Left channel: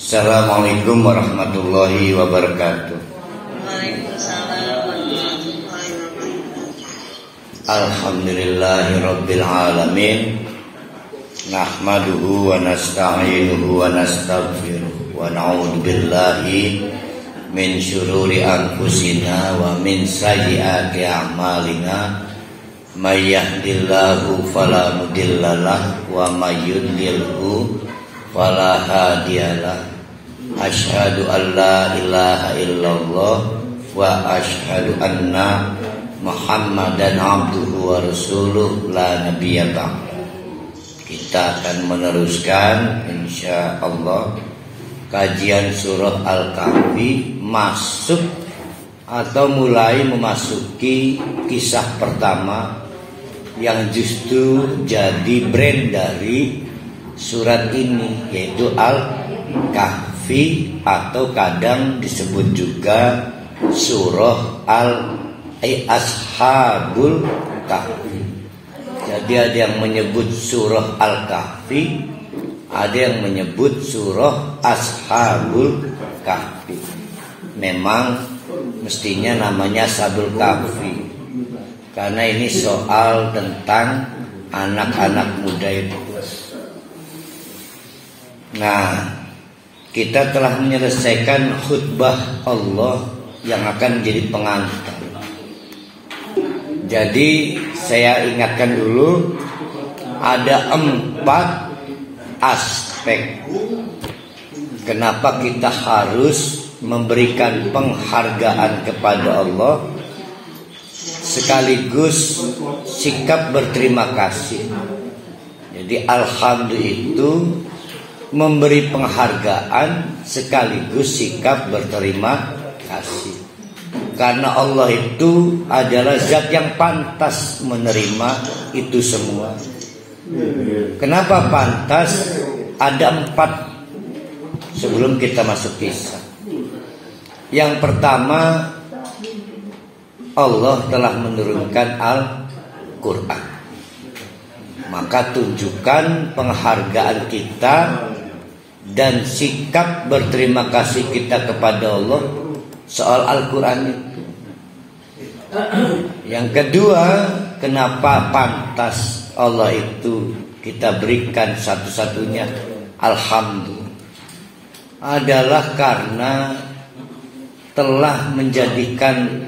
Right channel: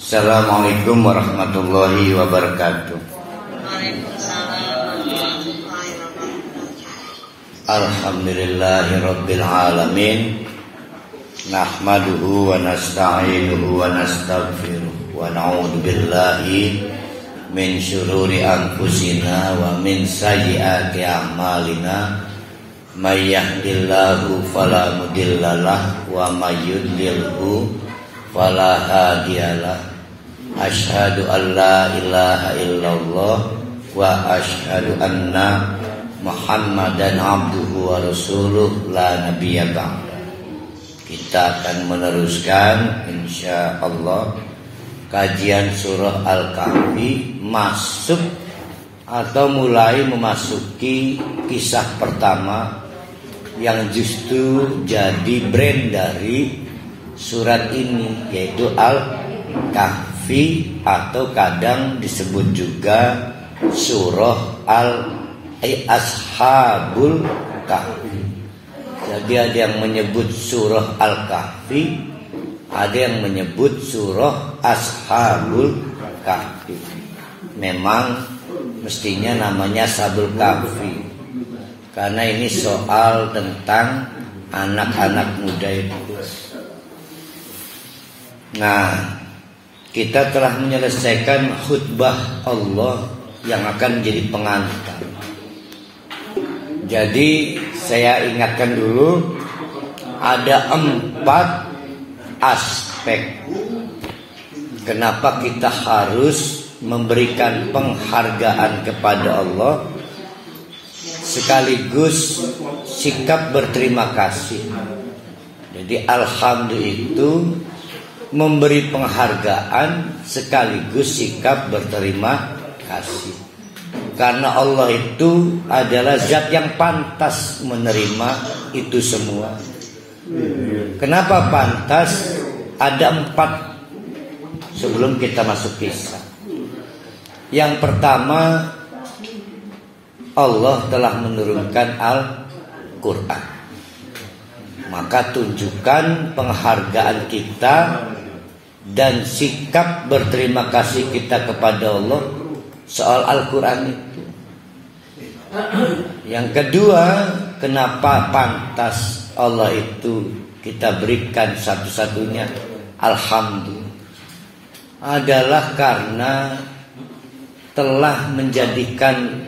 Assalamualaikum warahmatullahi wabarakatuh. Alhamdulillahi rabbil alamin. Nahmaduhu wa nasta'inuhu wa nastaghfiruh wa na'udzu billahi min syururi anfusina wa min sayyiati a'malina. May yahdihillahu fala mudhillalah wa may yudlilhu fala hadiyalah. Asyhadu an la ilaha illallah wa asyhadu anna Muhammadan abduhu wa rasuluh la nabiyya ba'da. Kita akan meneruskan insyaallah kajian surah Al-Kahfi, masuk atau mulai memasuki kisah pertama yang justru jadi brand dari surat ini, yaitu Al-Kahfi atau kadang disebut juga surah Ashabul Kahfi. Jadi ada yang menyebut surah Al-Kahfi, ada yang menyebut surah Ashabul Kahfi. Memang mestinya namanya Ashabul Kahfi karena ini soal tentang anak-anak muda itu. Nah, kita telah menyelesaikan khutbah Allah yang akan menjadi pengantar. Jadi saya ingatkan dulu, ada 4 aspek kenapa kita harus memberikan penghargaan kepada Allah sekaligus sikap berterima kasih. Jadi alhamdulillah itu memberi penghargaan sekaligus sikap berterima kasih. Karena Allah itu adalah zat yang pantas menerima itu semua. Kenapa pantas? Ada 4 sebelum kita masuk kisah. Yang pertama, Allah telah menurunkan Al-Quran. Maka tunjukkan penghargaan kita dan sikap berterima kasih kita kepada Allah soal Al-Quran itu. Yang kedua, kenapa pantas Allah itu kita berikan satu-satunya alhamdulillah, adalah karena telah menjadikan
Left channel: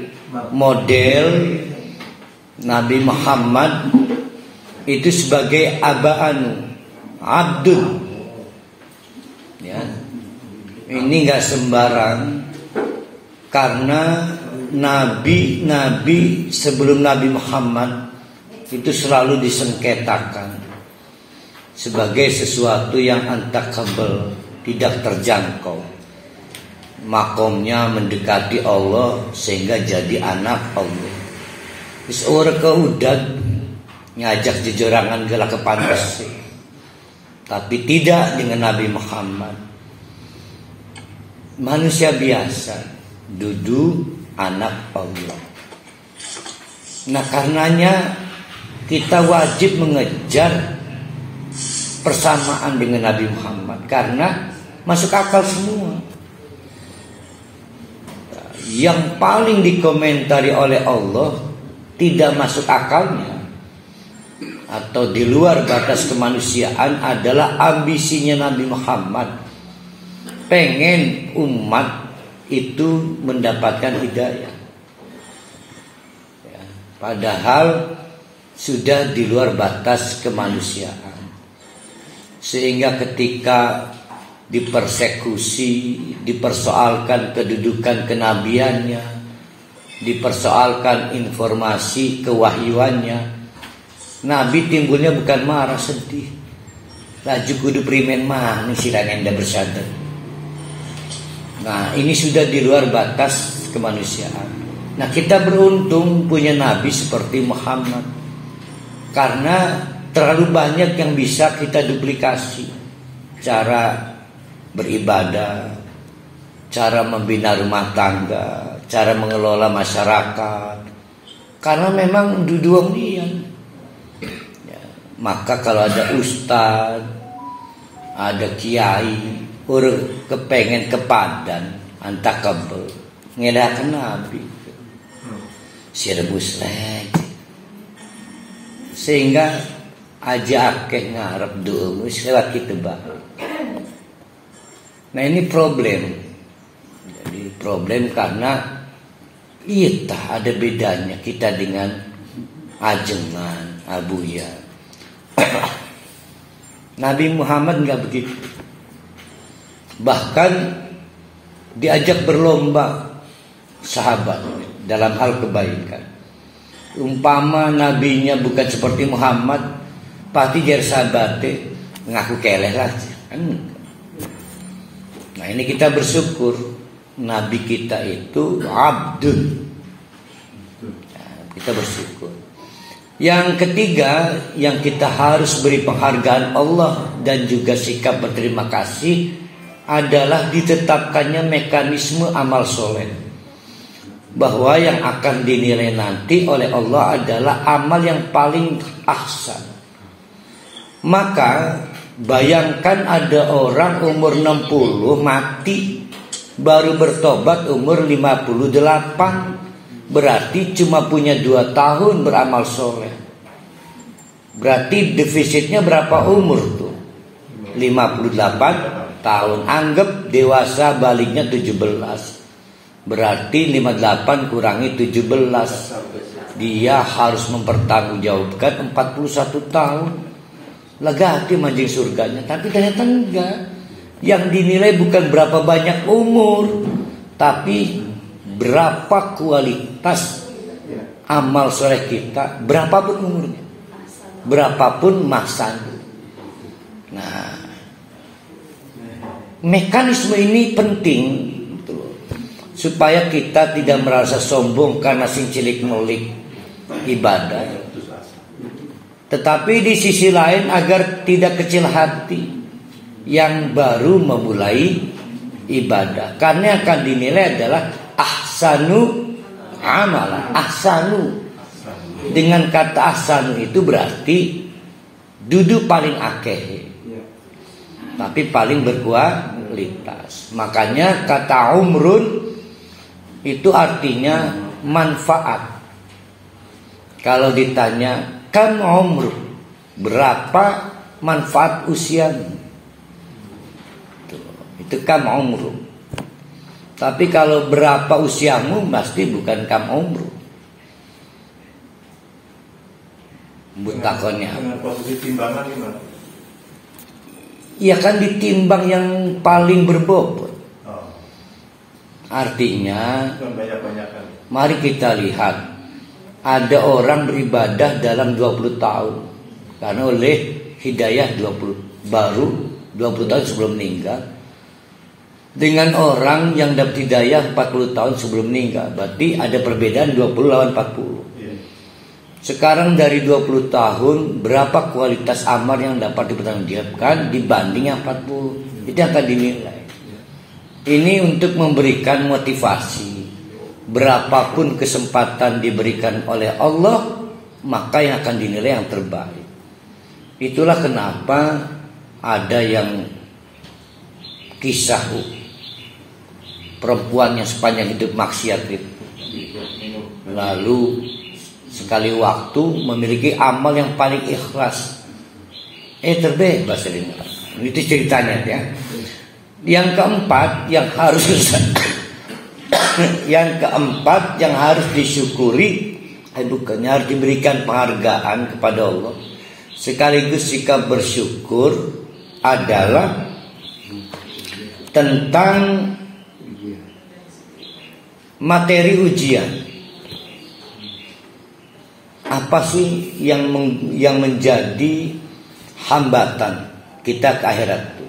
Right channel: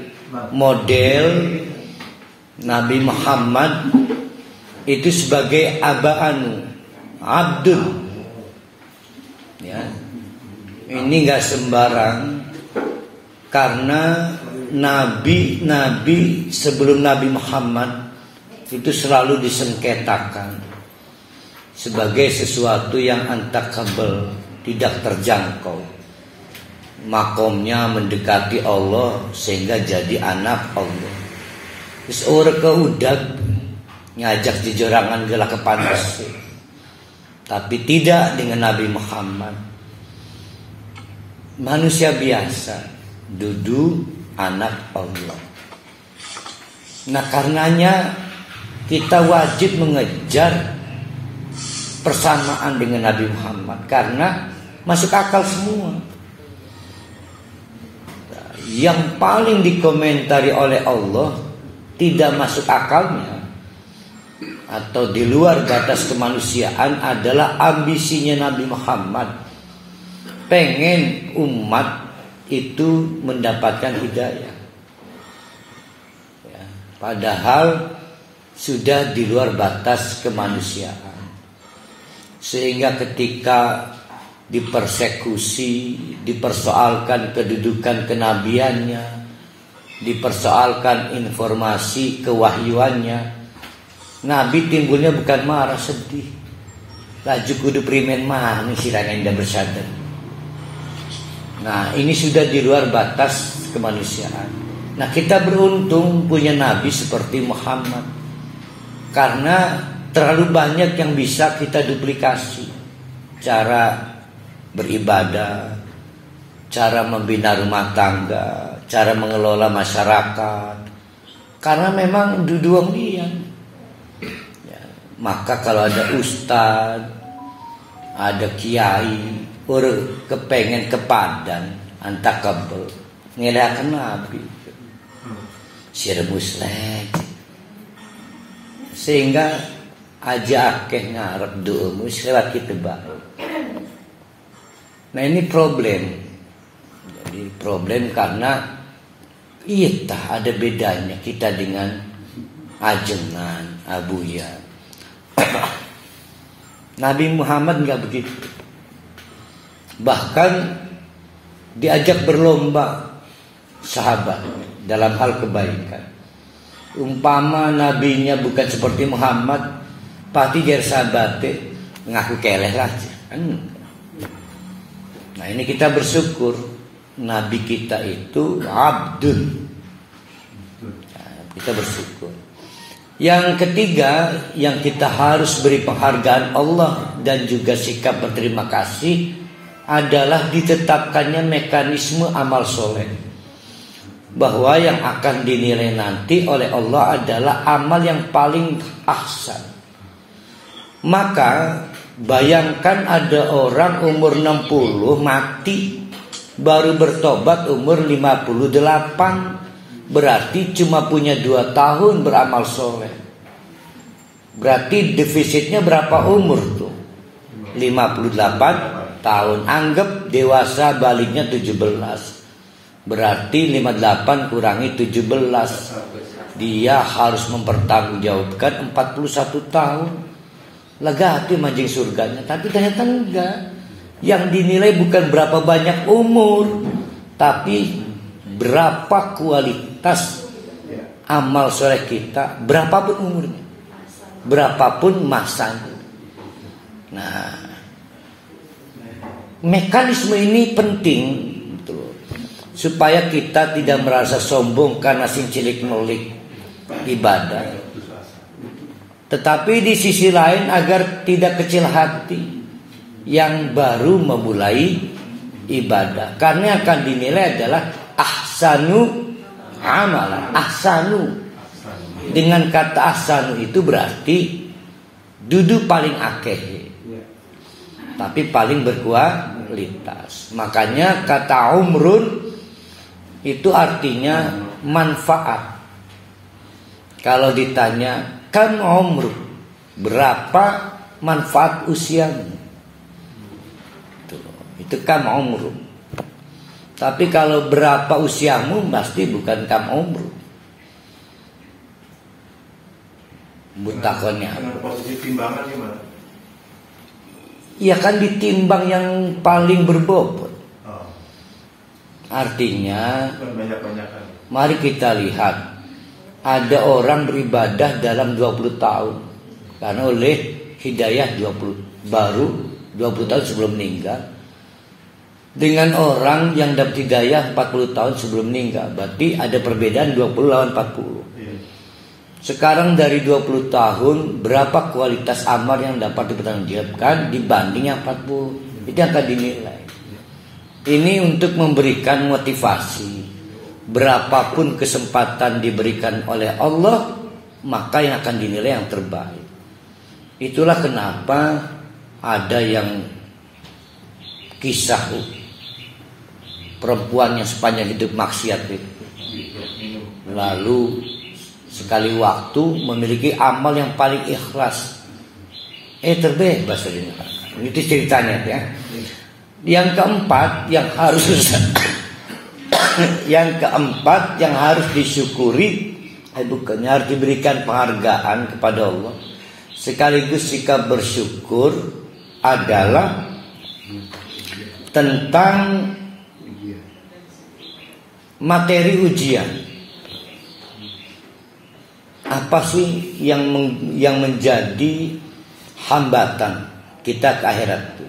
model Nabi Muhammad itu sebagai abdul. Ya. Ini gak sembarang, karena nabi sebelum Nabi Muhammad itu selalu disengketakan sebagai sesuatu yang antakabel, tidak terjangkau. Makomnya mendekati Allah sehingga jadi anak Allah. Terus orang keudat ngajak jejorangan gelah ke pantas. Tapi tidak dengan Nabi Muhammad. Manusia biasa, dudu anak Allah. Nah, karenanya kita wajib mengejar persamaan dengan Nabi Muhammad karena masuk akal semua. Yang paling dikomentari oleh Allah tidak masuk akalnya atau di luar batas kemanusiaan adalah ambisinya Nabi Muhammad, pengen umat itu mendapatkan hidayah, ya, padahal sudah di luar batas kemanusiaan. Sehingga ketika dipersekusi, dipersoalkan kedudukan kenabiannya, dipersoalkan informasi kewahyuannya, Nabi timbulnya bukan marah, sedih. Laju kudu primen mana silanya yang bersadar. Nah, ini sudah di luar batas kemanusiaan. Nah, kita beruntung punya Nabi seperti Muhammad, karena terlalu banyak yang bisa kita duplikasi. Cara beribadah, cara membina rumah tangga, cara mengelola masyarakat. Karena memang duduang dia. Ya, maka kalau ada ustaz, ada kiai orang kepengen ke Padang antak kabel ngedakan Nabi sirebus lagi sehingga aja akeh ngarep doa lewat kita baru. Nah ini problem. Jadi problem karena iya ada bedanya kita dengan ajengan, abuya. Nabi Muhammad nggak begitu. Bahkan diajak berlomba sahabat dalam hal kebaikan. Umpama nabinya bukan seperti Muhammad, pasti jadi sahabatnya ngaku keleh aja. Nah ini kita bersyukur nabi kita itu abdun. Nah, kita bersyukur. Yang ketiga yang kita harus beri penghargaan Allah dan juga sikap berterima kasih adalah ditetapkannya mekanisme amal soleh. Bahwa yang akan dinilai nanti oleh Allah adalah amal yang paling ahsan. Maka bayangkan ada orang umur 60 mati baru bertobat umur 58, berarti cuma punya 2 tahun beramal soleh. Berarti defisitnya berapa umur tuh? 58 tahun. Anggap dewasa baliknya 17. Berarti 58 kurangi 17, dia harus mempertanggungjawabkan 41 tahun. Legati mancing surganya. Tapi ternyata enggak. Yang dinilai bukan berapa banyak umur, tapi berapa kualitas amal soleh kita, berapapun umurnya, berapapun masanya. Nah, mekanisme ini penting supaya kita tidak merasa sombong karena sing cilik nulik ibadah. Tetapi di sisi lain agar tidak kecil hati yang baru memulai ibadah. Karena akan dinilai adalah ahsanu amala. Ahsanu. Dengan kata ahsanu itu berarti duduk paling akeh, tapi paling berkualitas. Makanya kata umrun itu artinya manfaat. Kalau ditanya kan umur, berapa manfaat usiamu? Itu kan umur. Tapi kalau berapa usiamu pasti bukan kam umur. Mutakonnya. Posisi timbangan gimana? Ya kan ditimbang yang paling berbobot. Artinya, mari kita lihat, ada orang beribadah dalam 20 tahun karena oleh hidayah 20 baru 20 tahun sebelum meninggal, dengan orang yang dapat hidayah 40 tahun sebelum meninggal. Berarti ada perbedaan 20 lawan 40. Sekarang dari 20 tahun berapa kualitas amal yang dapat dipertanggungjawabkan dibanding yang 40? Itu akan dinilai. Ini untuk memberikan motivasi. Berapapun kesempatan diberikan oleh Allah, maka yang akan dinilai yang terbaik. Itulah kenapa ada yang kisah perempuan yang sepanjang hidup maksiat itu, lalu sekali waktu memiliki amal yang paling ikhlas, terbebas dari neraka. Itu ceritanya ya. Yang keempat yang harus yang harus disyukuri, bukannya harus diberikan penghargaan kepada Allah, sekaligus sikap bersyukur adalah tentang materi ujian. Apa sih yang menjadi hambatan kita ke akhirat itu?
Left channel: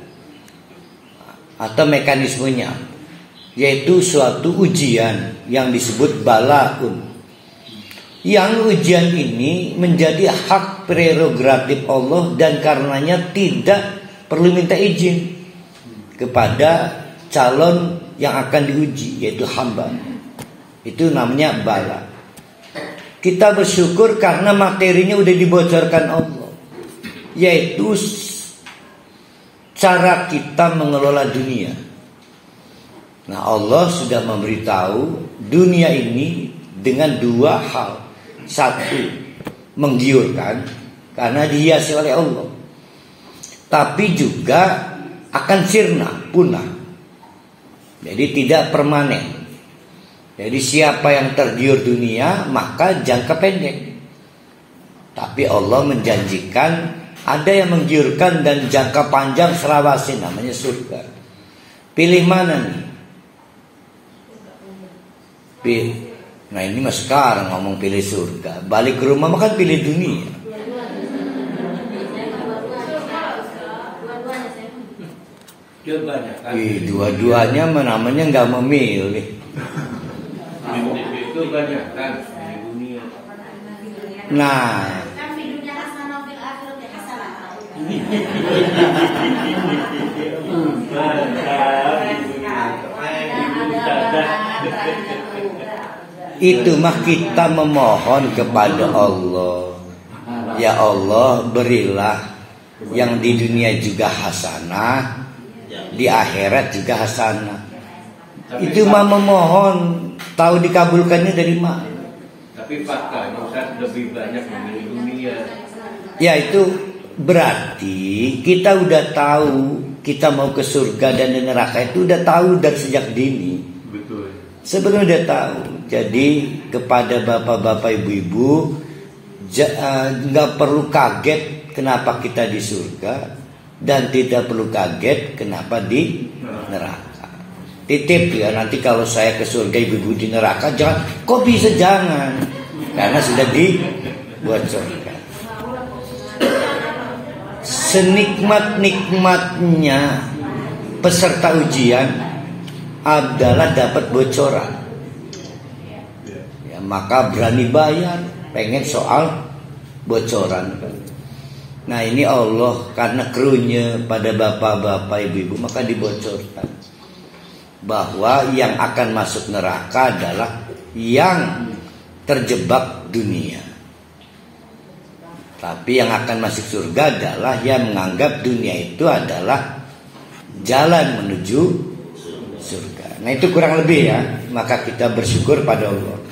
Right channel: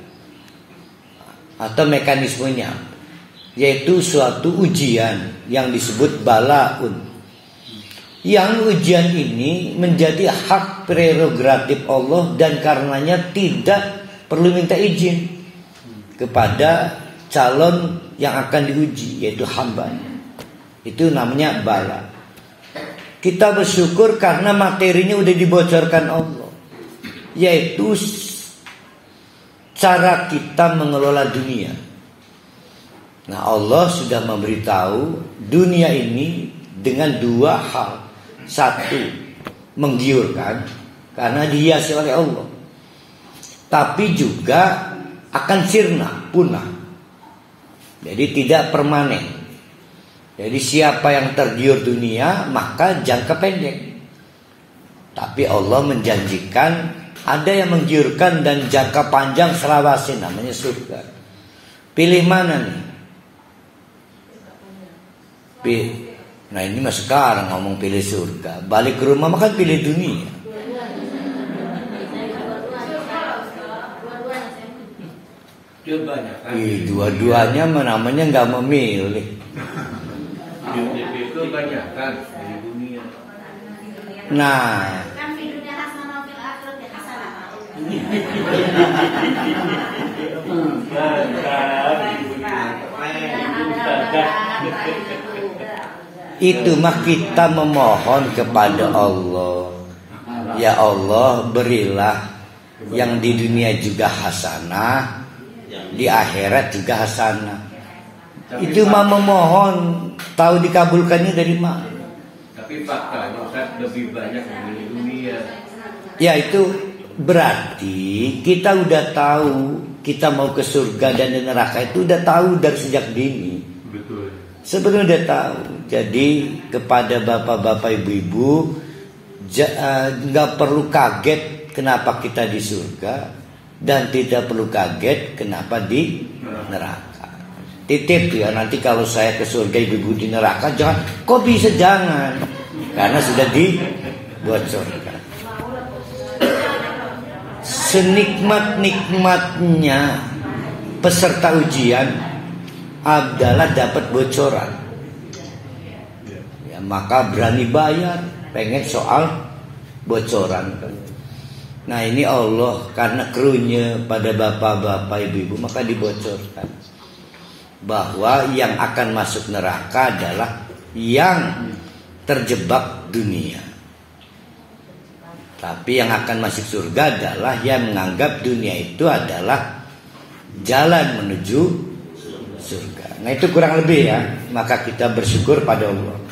Atau mekanismenya, yaitu suatu ujian yang disebut balaun. Yang ujian ini menjadi hak prerogatif Allah dan karenanya tidak perlu minta izin kepada calon yang akan diuji, yaitu hamba. Itu namanya bala. Kita bersyukur karena materinya udah dibocorkan Allah, yaitu cara kita mengelola dunia. Nah, Allah sudah memberitahu dunia ini dengan dua hal. Satu, menggiurkan karena dihiasi oleh Allah. Tapi juga akan sirna, punah. Jadi tidak permanen. Jadi siapa yang tergiur dunia maka jangka pendek. Tapi Allah menjanjikan ada yang menggiurkan dan jangka panjang selawasi, namanya surga. Pilih mana nih? Nah ini mah sekarang ngomong pilih surga. Balik ke rumah makan pilih dunia. Dua-duanya namanya nggak memilih. Nah, itu mah kita memohon kepada Allah. Ya Allah, berilah yang di dunia juga hasanah, di akhirat juga hasanah. Itu mah memohon, tahu dikabulkannya dari mana? Tapi faktanya kan lebih banyak memilih dunia. Ya itu berarti kita udah tahu kita mau ke surga dan di neraka itu udah tahu dari sejak dini. Betul. Sebenarnya udah tahu. Jadi kepada bapak-bapak ibu-ibu nggak perlu kaget kenapa kita di surga dan tidak perlu kaget kenapa di neraka. Titip ya, nanti kalau saya ke surga ibu-ibu di neraka jangan, kok bisa jangan, karena sudah dibocorkan. Senikmat-nikmatnya peserta ujian adalah dapat bocoran. Ya, maka berani bayar, pengen soal bocoran. Nah ini Allah karena kerunya pada bapak-bapak ibu-ibu maka dibocorkan bahwa yang akan masuk neraka adalah yang terjebak dunia. Tapi yang akan masuk surga adalah yang menganggap dunia itu adalah jalan menuju surga. Nah itu kurang lebih ya. Maka kita bersyukur pada Allah.